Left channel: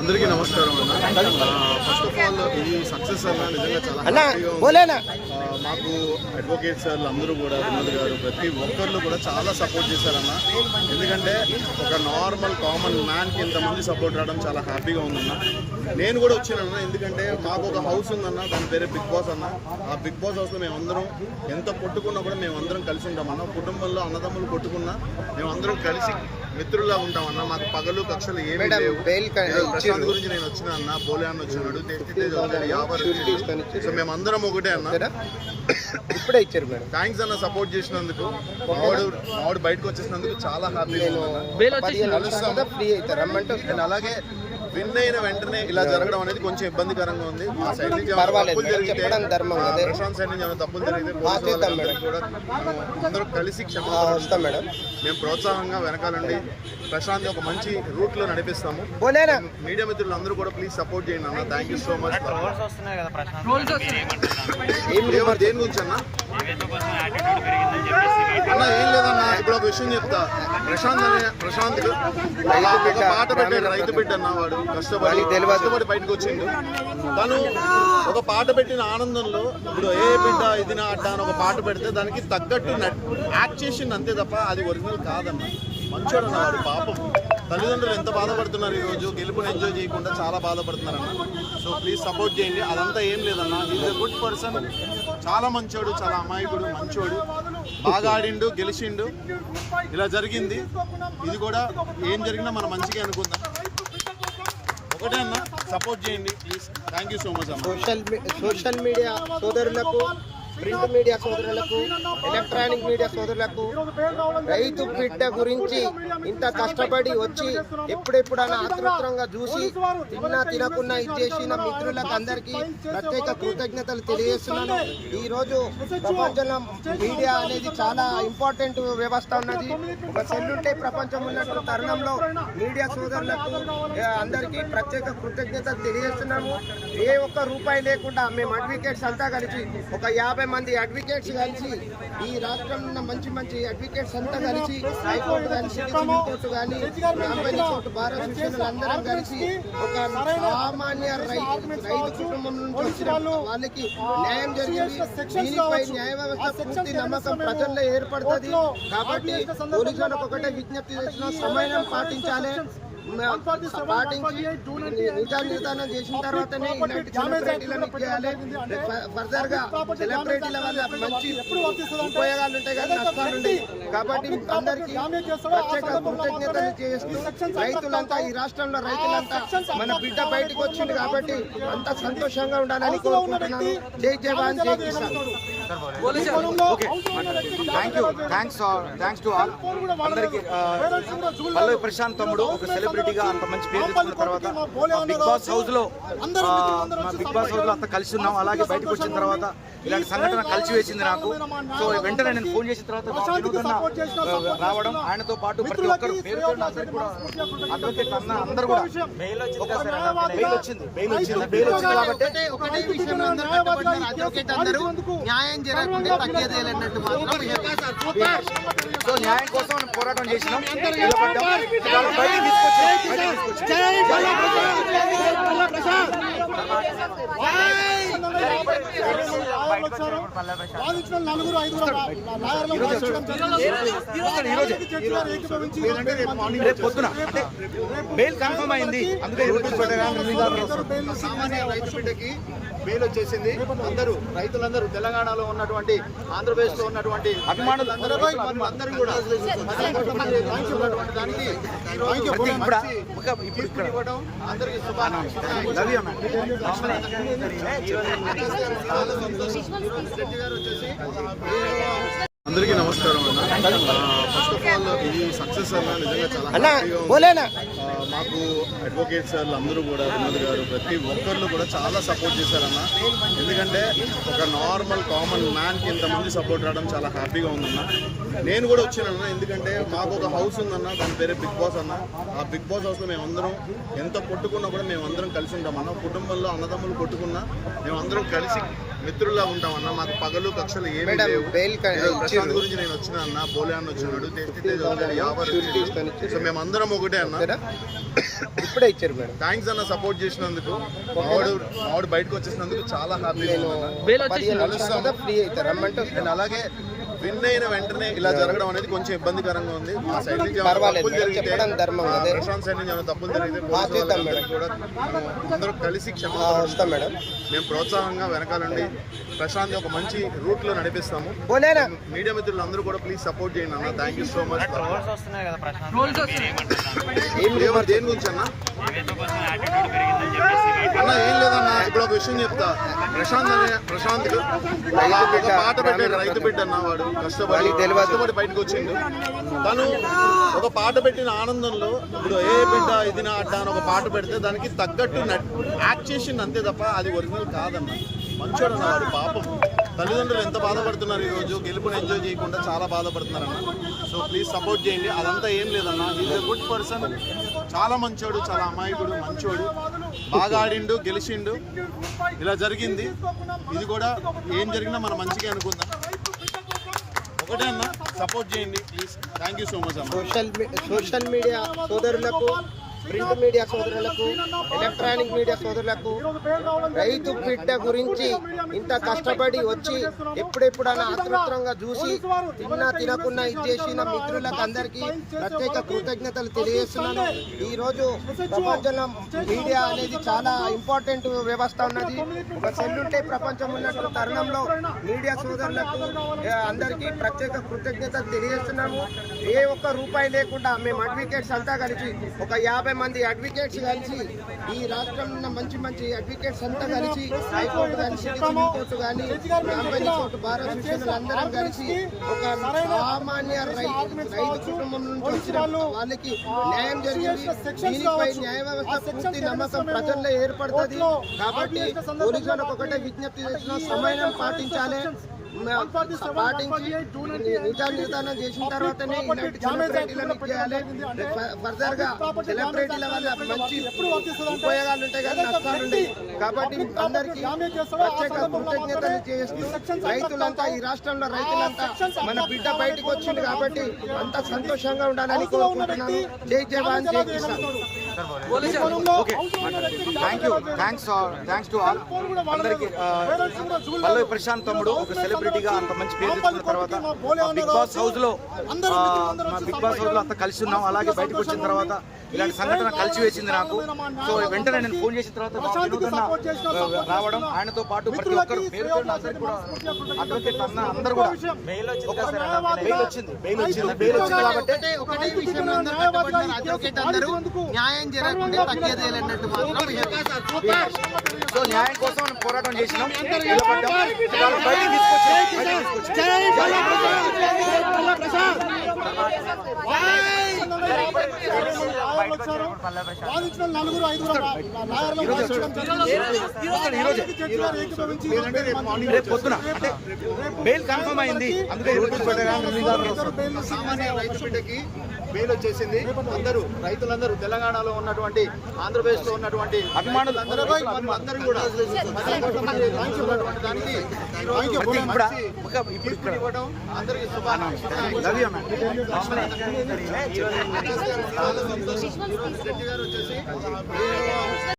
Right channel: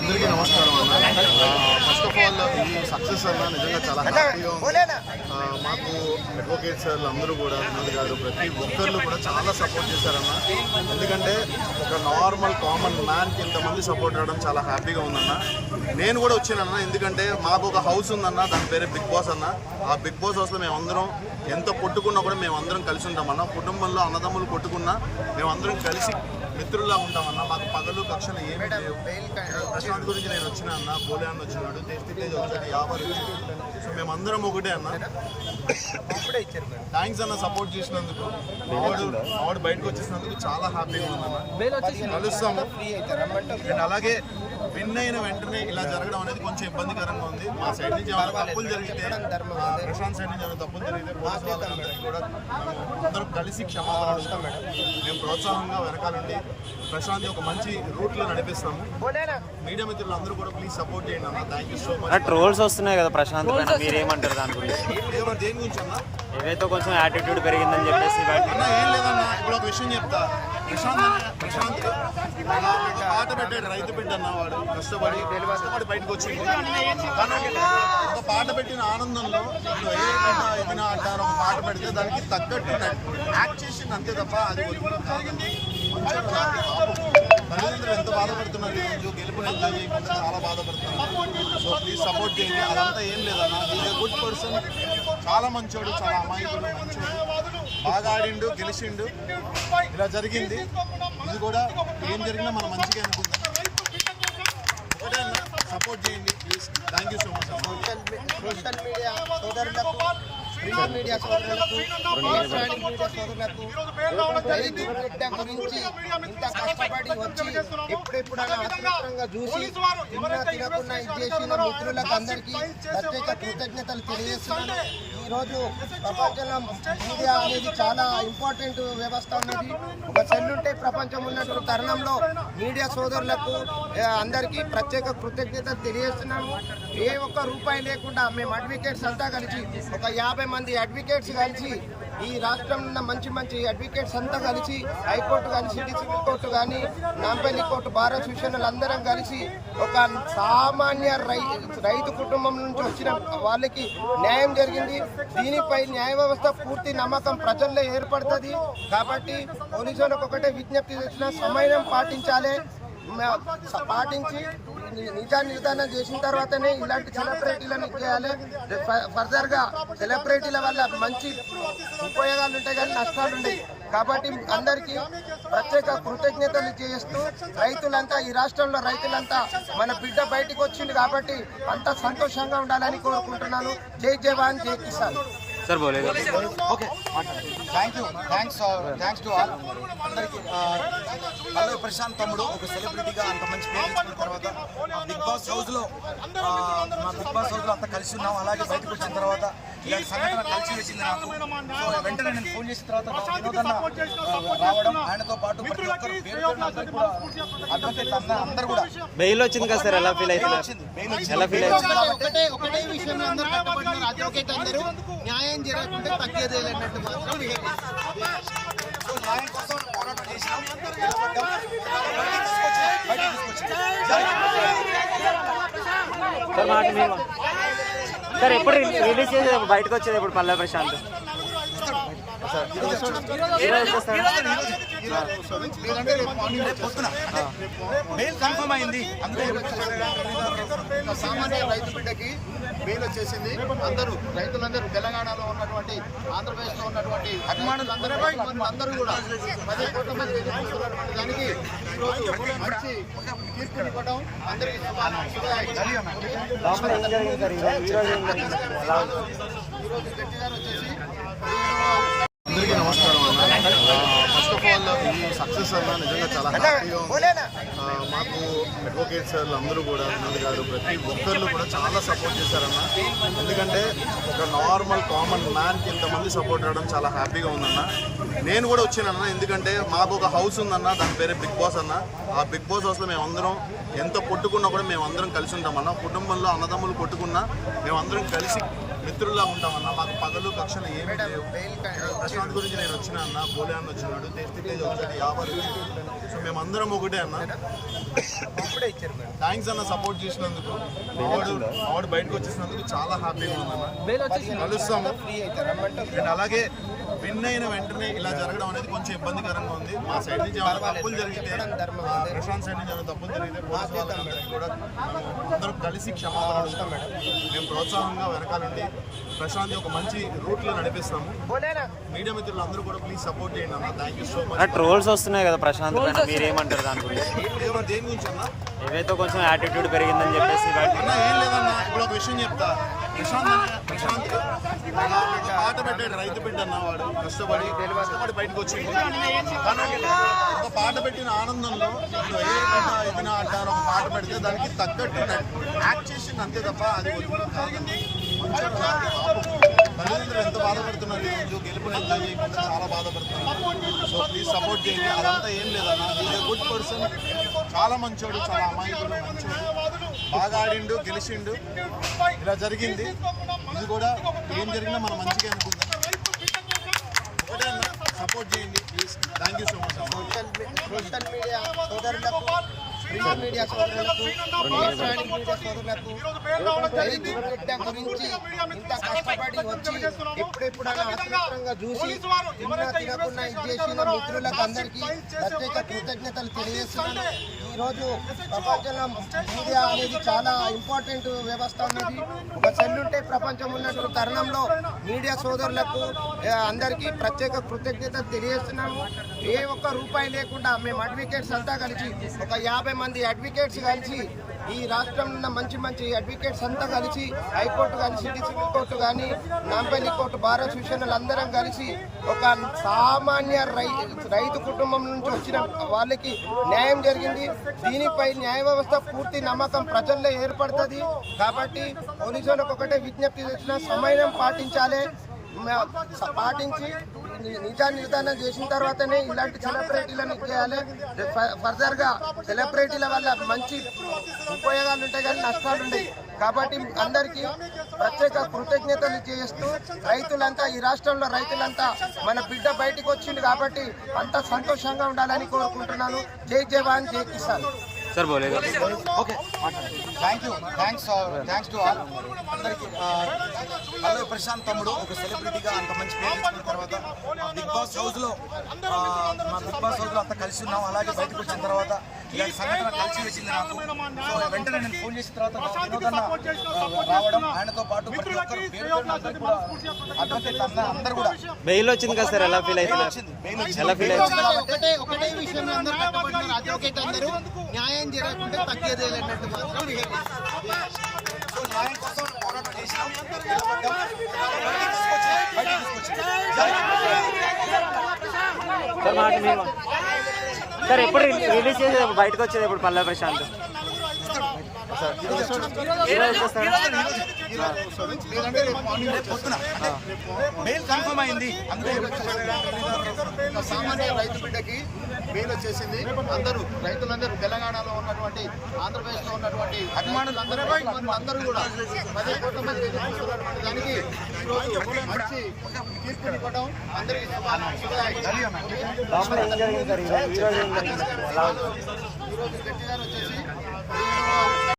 అందరికీ నమస్కారం అన్న. ఫస్ట్ ఆఫ్ ఆల్ ఇది సక్సెస్ అన్న, నిజంగా చాలా హ్యాపీగా ఉంది. మాకు అడ్వకేట్ సార్లు అందరూ కూడా, వినోద్ గారు, ప్రతి ఒక్కళ్ళు కూడా చాలా సపోర్ట్ చేశారన్న. ఎందుకంటే ఒక నార్మల్ కామన్ మ్యాన్కి ఇంతమంది సపోర్ట్ రావడం చాలా హ్యాపీగా ఉందన్న. నేను కూడా వచ్చినానన్న, ఎందుకంటే మాకు ఒక హౌస్ ఉందన్న, దాని పేరే బిగ్ బాస్ అన్న. ఆ బిగ్ బాస్ హౌస్లో మేమందరం ఎంత కొట్టుకున్నా కూడా మేమందరం కలిసి ఉంటామన్న. కుటుంబంలో అన్నదమ్ములు కొట్టుకున్నా మేమందరం కలిసి మిత్రుల్లా ఉంటామన్నా. మాకు పగలు కక్షలు ఏమీ లేవు. ప్రశాంత్ గురించి నేను వచ్చినా అన్న, బోలే అన్న వచ్చినాడు, టేస్టీ తేజ్ వచ్చాడు, యావర్ వచ్చాడు. సో మేమందరం ఒకటే అన్న. ఇప్పుడే ఇచ్చారు. థ్యాంక్స్ అన్న సపోర్ట్ చేసినందుకు. మావాడు బయటకు వచ్చేసినందుకు చాలా హ్యాపీగా ఉందన్న. కలుస్తాము. అండ్ అలాగే విన్ అయిన వెంటనే ఇలా జరగడం అనేది కొంచెం ఇబ్బందికరంగా ఉంది. మా సైడ్ నుంచి ఏమైనా తప్పులు జరిగితే, మా ప్రశాంత్ సైడ్ నుంచి ఏమైనా తప్పులు జరిగితే పోలీసు వాళ్ళందరికీ కూడా మేము అందరూ కలిసి క్షమాపణ అడుగుతాం మేడం. మేము ప్రోత్సాహంగా వెనకాలండి ప్రశాంత్ ఒక మంచి రూట్ లో నడిపిస్తాము. మీడియా మిత్రులు అందరూ కూడా ప్లీజ్ సపోర్ట్ చేయండి అన్న. Thank you so much. Trolls వస్తున్నాయి కదా ప్రశాంత్, దేని గురించి అన్న? ఏవైతే కొంచెం యాటిట్యూడ్ పెరిగిందని చెప్పేసి అన్న. ఏం లేదన్న, ఇప్పుడు ఒక విషయం చెప్తా. ప్రశాంత్ ఒక పాట పెట్టాడు, రైతు బిడ్డ అన్న. వాడు కష్టపడి బయటకు వచ్చిండు. తను ఒక పాట పెట్టిన ఆనందంలో ఇప్పుడు ఏ బిడ్డ ఇది నా అడ్డా అని ఒక పాట పెడితే దానికి తగ్గట్టు యాక్ట్ చేసింది అంతే తప్ప అది ఒరిజినల్ కాదన్న. మంచోడు అన్న వాడి. పాపం తల్లిదండ్రులు ఎంత బాధపడుతున్నారు ఈరోజు, గెలుపుని ఎంజాయ్ చేయకుండా చాలా బాధపడుతున్నారన్న. సో ప్లీజ్ సపోర్ట్ చేయండి. అదంతా ఏం లేదన్న, ఈజ్ ఎ గుడ్ పర్సన్, చాలా మంచోడు, చాలా అమాయకుడు, మంచోడు, బాగా ఆడిండు, గెలిచిండు. ఇలా జరిగింది. ఇది కూడా ఏం జరిగినా మనం మంచిగా అనుకుందాం. ఒకటే అన్న, సపోర్ట్ చేయండి please. Thank you so much అన్న. సోషల్ మీడియా సోదరులకు, ప్రింట్ మీడియా సోదరులకు, ఎలక్ట్రానిక్ మీడియా సోదరులకు రైతు బిడ్డ గురించి ఇంత కష్టపడి వచ్చి ఎప్పుడెప్పుడైనా ఆతృతంగా చూసి తినకున్నా ఇది చేసిన మిత్రులకు అందరికీ ప్రత్యేక కృతజ్ఞతలు తెలియజేస్తున్నాను. ఈరోజు ప్రపంచంలో మీడియా అనేది చాలా ఇంపార్టెంట్ వ్యవస్థ ఉన్నది. ఒక సెల్ ఉంటే ప్రపంచం ఉన్నట్టు తరుణంలో మీడియా సోదరులకు అందరికీ ప్రత్యేక కృతజ్ఞతలు తెలియజేస్తున్నాము. ఏ ఒక్క రూపాయి లేకుండా మేము అడ్వకేట్స్ అంతా కలిసి ఒక 50 మంది అడ్వకేట్స్ కలిసి, ఈ రాష్ట్రంలో ఉన్న మంచి అడ్వకేట్స్ అంతా కలిసి, హైకోర్టు కానీ, సివిల్ కోర్టు కానీ, నాంపల్లి కోర్టు, బార్ అసోసియేషన్లు అందరం కలిసి ఒక సామాన్య రైతు కుటుంబం నుంచి వచ్చిన వాళ్ళకి న్యాయం జరిగింది. దీనిపై న్యాయ వ్యవస్థ పూర్తి నమ్మకం ప్రజల్లో ఏర్పడుతుంది. కాబట్టి పోలీసు వాళ్ళకు ఒకటే విజ్ఞప్తి చేసిన, సమయం పాటించాలి. పాటించి నిజా నిర్ధారణ చేసిన తర్వాతనే ఇలాంటి సెలబ్రిటీలను చేయాలి. ఫర్దర్గా సెలబ్రిటీల వల్ల మంచి ఉపయోగాలు ఉంటాయి కానీ నష్టాలు ఉంటాయి. కాబట్టి అందరికీ ప్రత్యేక కృతజ్ఞతలు చేస్తూ, రైతులంతా, ఈ రాష్ట్రంలో రైతులంతా మన బిడ్డ బయటకు వచ్చింది కాబట్టి అంతా సంతోషంగా ఉండాలని కోరుకుంటున్నాను. జై జవాన్, జై Kisan. Okay, thanks to all. అందరికీ పల్లవి ప్రశాంత్ తమ్ముడు ఒక సెలబ్రిటీగా అంత మంచి పేరు తెచ్చుకున్న తర్వాత మా బిగ్ బాస్ హౌస్లో అంతా కలిసి ఉన్నాం. అలాగే బయటకు వచ్చిన తర్వాత ఇలాంటి సంఘటన కలిసి వేసింది నాకు. సో వెంటనే నేను ఫోన్ చేసిన తర్వాత వినోదన్న రావడం, ఆయనతో పాటు ప్రతి ఒక్కరు పేరు పేరున అందరికి కూడా అడ్వకేట్ అందరూ కూడా బెయిల్ వచ్చింది కదా సార్, ఎలా ఫీల్ బెయిల్ వచ్చింది కాబట్టి ఒకటే విషయంలో అందరూ కట్టబడినారు. అడ్వకేట్ అందరూ న్యాయం జరగకుండా తగ్గేదేలన్నట్టు మాత్రం. సో న్యాయం కోసం పోరాటం చేసినాం, నిలబడ్డాం, బయటకు తీసుకొచ్చాం. సార్ ఎప్పుడు రిలీజ్ చేసేది బయటకు వచ్చేది ఇప్పుడు పల్లవి ప్రశాంత్ లేదంటే రేపు మార్నింగ్, రేపు పొద్దున అంటే బెయిల్ కన్ఫర్మ్ అయింది. అందుకే సామాన్య రైతు బిడ్డకి బెయిల్ వచ్చేసింది. రైతులందరూ తెలంగాణలో ఉన్నటువంటి, ఆంధ్రప్రదేశ్లో ఉన్నటువంటి అభిమానులందరూ కూడా 10 కోట్ల మంది ఎదురు చూస్తున్నటువంటి దానికి ఈరోజు తీర్పు ఇవ్వడం అందరికీ ఈరోజు జడ్జి గారు వచ్చేసి. అందరికీ నమస్కారం అన్న. ఫస్ట్ ఆఫ్ ఆల్ ఇది సక్సెస్ అన్న, నిజంగా చాలా హ్యాపీగా ఉంది. మాకు అడ్వకేట్ సార్లు అందరూ కూడా, వినోద్ గారు, ప్రతి ఒక్కళ్ళు కూడా చాలా సపోర్ట్ చేశారన్న. ఎందుకంటే ఒక నార్మల్ కామన్ మ్యాన్కి ఇంతమంది సపోర్ట్ రావడం చాలా హ్యాపీగా ఉందన్న. నేను కూడా వచ్చినానన్న, ఎందుకంటే మాకు ఒక హౌస్ ఉందన్న, దాని పేరే బిగ్ బాస్ అన్న. ఆ బిగ్ బాస్ హౌస్లో మేమందరం ఎంత కొట్టుకున్నా కూడా మేమందరం కలిసి ఉంటామన్న. కుటుంబంలో అన్నదమ్ములు కొట్టుకున్నా మేమందరం కలిసి మిత్రుల్లా ఉంటామన్నా. మాకు పగలు కక్షలు ఏమీ లేవు. బెయిల్ ఈరోజు ప్రశాంత్ గురించి నేను వచ్చిన అన్న, బోలే అన్న వచ్చినాడు, టేస్టీ తేజ్ వచ్చాడు, యావర్ వచ్చాడు. సో మేమందరం ఒకటే అన్న. ఇప్పుడే ఇచ్చారు మేడం. థ్యాంక్స్ అన్న సపోర్ట్ చేసినందుకు. మావాడు బయటకు వచ్చేసినందుకు చాలా హ్యాపీగా ఉందన్న. కలుస్తాము ఫ్రీ అవుతారు రమ్మంటే అండ్ అలాగే విన్ అయిన వెంటనే ఇలా జరగడం అనేది కొంచెం ఇబ్బందికరంగా ఉంది. మా సైడ్ నుంచి ఏమైనా తప్పులు జరిగితే, మా ప్రశాంత్ సైడ్ నుంచి ఏమైనా తప్పులు జరిగితే పోలీసు వాళ్ళందరికీ కూడా మేము అందరూ కలిసి క్షమాపణ అడుగుతాం మేడం. మేము ప్రోత్సాహంగా వెనకాలండి ప్రశాంత్ ఒక మంచి రూట్ లో నడిపిస్తాము. మీడియా మిత్రులు అందరూ కూడా ప్లీజ్ సపోర్ట్ చేయండి అన్న. Thank you so much. Trolls వస్తున్నాయి కదా ప్రశాంత్, మీరేమంటారు దాంట్లో? దేని గురించి అన్న? ఏవైతే కొంచెం యాటిట్యూడ్ పెరిగిందని చెప్పేసి అన్న ఏం లేదన్న, ఇప్పుడు ఒక విషయం చెప్తా. ప్రశాంత్ ఒక పాట పెట్టాడు, రైతు బిడ్డ అన్న. వాడు కష్టపడి బయటకు వచ్చిండు. తను ఒక పాట పెట్టిన ఆనందంలో ఇప్పుడు ఏ బిడ్డ ఇది నా అడ్డ అని ఒక పాట పెడితే దానికి తగ్గట్టు యాక్ట్ చేసింది అంతే తప్ప అది ఒరిజినల్ కాదన్న. మంచోడు అన్న వాడి. పాపం తల్లిదండ్రులు ఎంత బాధపడుతున్నారు ఈరోజు, గెలుపుని ఎంజాయ్ చేయకుండా చాలా బాధపడుతున్నారు అన్న. సో ప్లీజ్ సపోర్ట్ చేయండి. అదంతా ఏం లేదన్న. ఈజ్ ఎ గుడ్ పర్సన్, చాలా మంచోడు, చాలా అమాయకుడు, మంచోడు, బాగా ఆడిండు, గెలిచిండు. ఇలా జరిగింది. ఇది కూడా ఏం జరిగినా మనం మంచిగా అనుకుందాం. ఒకటే అన్న, సపోర్ట్ చేయండి please. Thank you so much అన్న. సోషల్ మీడియా సోదరులకు, ప్రింట్ మీడియా సోదరులకు, ఎలక్ట్రానిక్ మీడియా సోదరులకు రైతు బిడ్డ గురించి ఇంత కష్టపడి వచ్చి ఎప్పుడెప్పుడైనా ఆతృతంగా చూసి తినకుండా ఇది చేసిన మిత్రులకు అందరికీ ప్రత్యేక కృతజ్ఞతలు తెలియజేస్తున్నాను. ఈరోజు ప్రపంచంలో మీడియా అనేది చాలా ఇంపార్టెంట్ వ్యవస్థ ఉన్నది. ఒక సెల్ ఉంటే ప్రపంచం ఉన్నట్టు తరుణంలో మీడియా సోదరులకు అందరికీ ప్రత్యేక కృతజ్ఞతలు తెలియజేస్తున్నాము. ఏ ఒక్క రూపాయి లేకుండా మేము అడ్వకేట్స్ అంతా కలిసి ఒక 50 మంది అడ్వకేట్స్ కలిసి, ఈ రాష్ట్రంలో ఉన్న మంచి అడ్వకేట్స్ అంతా కలిసి, హైకోర్టు కానీ, సివిల్ కోర్టు కానీ, నాంపల్లి కోర్టు, బార్ అసోసియేషన్లు అందరం కలిసి ఒక సామాన్య రైతు కుటుంబం నుంచి వచ్చిన వాళ్ళకి న్యాయం జరిగింది. దీనిపై న్యాయ వ్యవస్థ పూర్తి నమ్మకం ప్రజల్లో ఏర్పడుతుంది. కాబట్టి పోలీసు వాళ్ళకు ఒకటే విజ్ఞప్తి చేసిన, సమయం పాటించాలి. పాటించి నిజా నిర్ధారణ చేసిన తర్వాతనే ఇలాంటి సెలబ్రిటీలను చేయాలి. ఫర్దర్ గా సెలబ్రిటీల వల్ల మంచి ఉపయోగాలు ఉంటాయి కానీ నష్టాలు ఉంటాయి. కాబట్టి అందరికీ ప్రత్యేక కృతజ్ఞతలు చేస్తూ రైతులంతా, ఈ రాష్ట్రంలో రైతులంతా మన బిడ్డ బయటకు వచ్చింది కాబట్టి అంత సంతోషంగా ఉండాలని కోరుకుంటున్నాను. జై జవాన్, జై Kisan. Okay, thanks to all. అందరికి పల్లవి ప్రశాంత్ తమ్ముడు ఒక సెలబ్రిటీగా అంత మంచి పేరు తెచ్చుకున్న తర్వాత మా బిగ్ బాస్ హౌస్ లో అంతా కలిసి ఉన్నాం. అలాగే బయటకు వచ్చిన తర్వాత ఇలాంటి సంఘటన కలిసి వేసింది నాకు. సో వెంటనే నేను ఫోన్ చేసిన తర్వాత వినోదన్న రావడం, ఆయనతో పాటు ప్రతి ఒక్కరు పేరు అందరికి కూడా అడ్వకేట్ అన్న అందరు కూడా బెయిల్ వచ్చింది కదా సార్, ఎలా ఫీల్ బెయిల్ వచ్చింది కాబట్టి ఒకటే విషయంలో అందరూ కట్టబడినారు. అడ్వకేట్ అందరూ న్యాయం జరగకుండా తగ్గేదేలన్నట్టు మాత్రం సో న్యాయం కోసం పోరాటం చేసినాం, నిలబడ్డాం. ఇవాళ బయటికి తీసుకొచ్చాం. సార్ ఎప్పుడు రిలీజ్ చేసేది బయటకు వచ్చేది ఇప్పుడు పల్లవి ప్రశాంత్? లేదంటే రేపు మార్నింగ్ పొద్దున అంటే బెయిల్ కన్ఫర్మ్ అయింది. అందుకే సామాన్య రైతు బిడ్డకి బెయిల్ వచ్చేసింది. రైతులందరూ తెలంగాణలో ఉన్నటువంటి, ఆంధ్రప్రదేశ్లో ఉన్నటువంటి అభిమానులందరూ కూడా 10 కోట్ల మంది ఎదురు చూస్తున్నటువంటి దానికి ఈరోజు తీర్పుని ఇవ్వడం అందరికీ ఈరోజు గట్టి గారు వచ్చేసి